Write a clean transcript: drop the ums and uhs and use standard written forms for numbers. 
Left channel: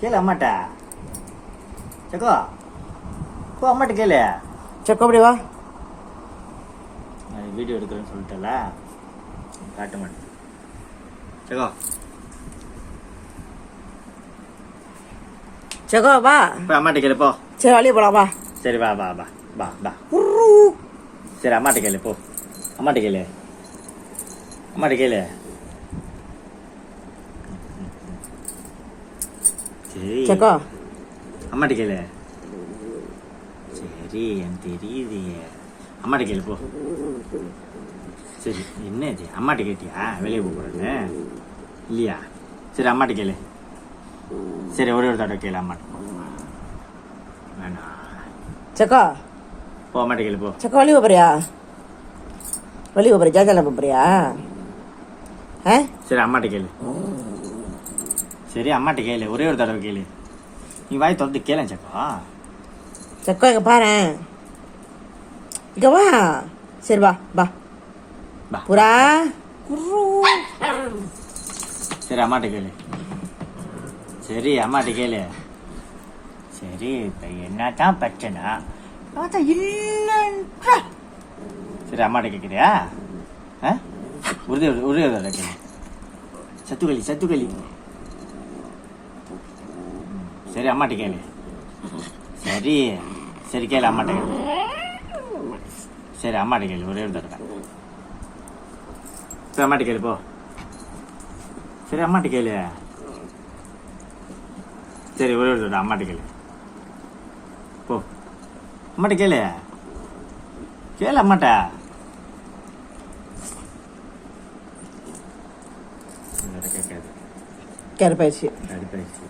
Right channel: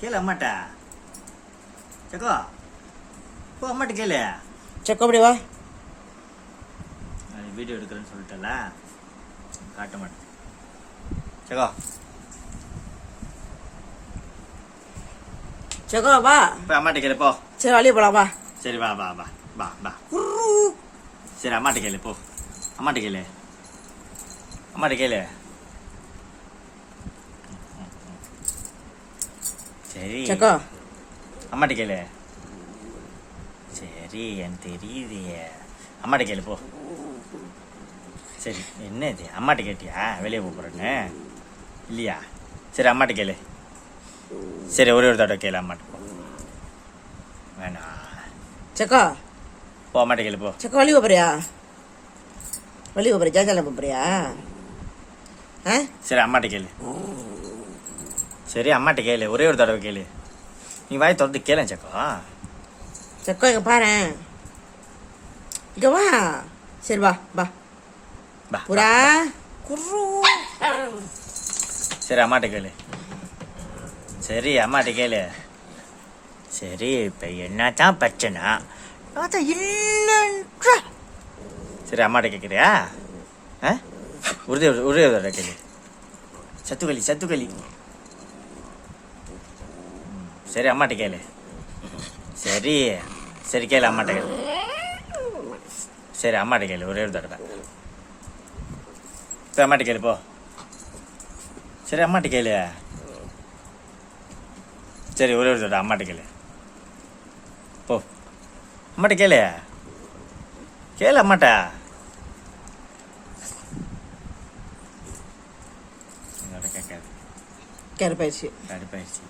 கேளு அம்மாட்டா. சக்கோ போ அம்மாட்ட கேளு. சக்கோ அப்படி வா. நான் வீடியோ எடுக்கிறேன்னு சொல்லிட்டல, காட்ட மாட்டேன். சக்கோ சக்கோ வா. போய் அம்மாட்ட கேளு போ. சரி வெளியே போலாம் வா. சரி வா வா வா வா வா. சரி அம்மாட்ட கேளு போ. அம்மாட்ட கேளு. அம்மாட்ட கேளு. சரி சக்கோ அம்மாட்ட கேளு. சரி எனக்கு தெரியுது. அம்மாட்ட கேளு போ. சரி என்ன இது அம்மாட்ட கேட்டியா வெளியே போகிறேன்னு இல்லையா? சரி அம்மாட்ட கேளு. சரி ஒரே ஒரு தடவை கேளு அம்மாட்ட. வேணா சக்கோ போ அம்மாட்ட கேளு போ. சக்கோ வெளியே போறியா? வெளியே போறியா? ஜாஜால போறியா? ஆ சரி அம்மாட்ட கேளு. சரி அம்மாட்ட கேளு, ஒரே ஒரு தடவை கேளு. நீ வாய் திறந்து கேளு சக்கோ. சக்கோ இங்க பாரு, இங்க வா. சரி வா வா வா. புறா. சரி அம்மாட்ட கேளு. சரி அம்மாட்ட கேளு. சரி இப்போ என்னத்தான் பிரச்சனை? இல்லைன்ற. சரி அம்மாட்ட கேட்குறியா? ஆ ஒரே ஒரு தடவை கேளு. சத்துக்களி. சரி அம்மாட்ட கேளு. சரி சரி கேளு அம்மாட்ட கேளு. சரி அம்மாட்ட கேளு ஒரே ஒரு தடவை. சரி அம்மாட்ட கேளு போ. சரி அம்மாட்ட கேளு. சரி ஒரே ஒரு தடவை அம்மாட்ட கேளு போ. அம்மாட்ட கேளு. கேளு அம்மாட்ட. கருப்பாயிடுச்சு. கடுப்பாயிடுச்சு.